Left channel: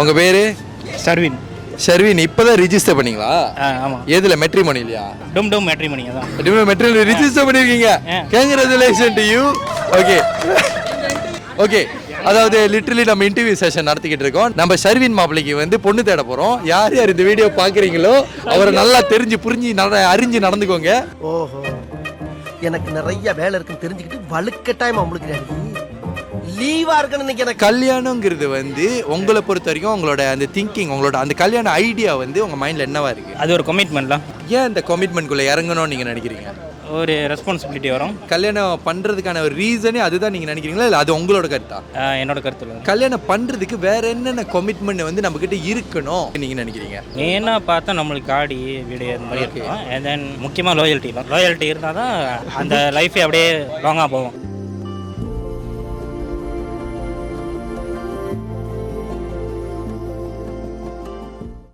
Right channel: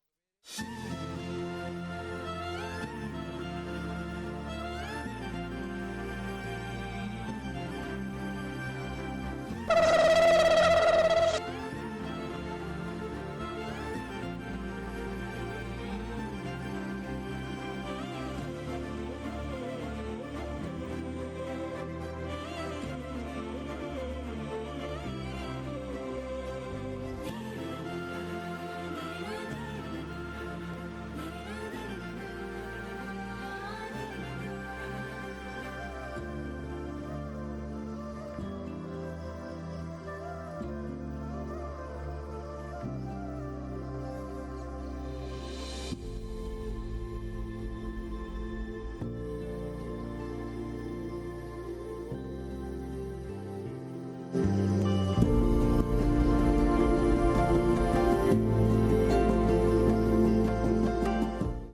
உங்க பேரு? சர்வின். ஷர்வின். இப்பதான் ரிஜிஸ்டர் பண்ணீங்களா? ஆமா. எதுல? மெட்ரிமோனிலையா? டும் மேட்ரிமோனி தான். மெட்ரிமோனி ரிஜிஸ்டர் பண்ணிருக்கீங்க. Congratulation to you. Okay okay. அதாவது லிட்டரலி நம்ம இன்டர்வியூ செஷன் நடத்திக்கிட்டு இருக்கோம். நம்ம ஷர்வின் மாப்பிளைக்கு வந்து பொண்ணு தேட போறோம். யார் யார் இந்த வீடியோ பாக்குறீங்களோ அவரை நல்லா தெரிஞ்சு புரிஞ்சு அறிஞ்சு நடந்துக்கோங்க. ஓஹோ, எனக்கு நிறைய வேலை இருக்குன்னு தெரிஞ்சுக்கிட்டு வலுக்கட்டாயமா உங்களுக்கு லீவா இருக்குன்னு எனக்கு. கல்யாணங்கிறது வந்து உங்களை பொறுத்த வரைக்கும் உங்களோட அந்த திங்கிங், உங்களோட அந்த கல்யாண ஐடியா வந்து உங்க மைண்ட்ல என்னவா இருக்கு? அது ஒரு கமிட்மெண்ட்லாம். ஏன் இந்த கமிட்மெண்ட்குள்ள இறங்கணும்னு நீங்க நினைக்கிறீங்க? ஒரு ரெஸ்பான்சிபிலிட்டி வரும். கல்யாணம் பண்றதுக்கான ஒரு ரீசனே அதுதான் நீங்க நினைக்கிறீங்களா, இல்ல அது உங்களோட கருத்தா? என்னோட கருத்துல கல்யாணம் பண்றதுக்கு வேற என்னென்ன கமிட்மெண்ட் வந்து நம்ம கிட்ட இருக்கணும் நீங்க நினைக்கிறீங்க? ஏன்னா பார்த்தா நம்மளுக்கு ஆடி வீடு அந்த மாதிரி இருக்கும். அண்ட் தென் முக்கியமாக லாயல்ட்டி இருந்தால் தான் அந்த லைஃபே அப்படியே லாங்காக போகும்.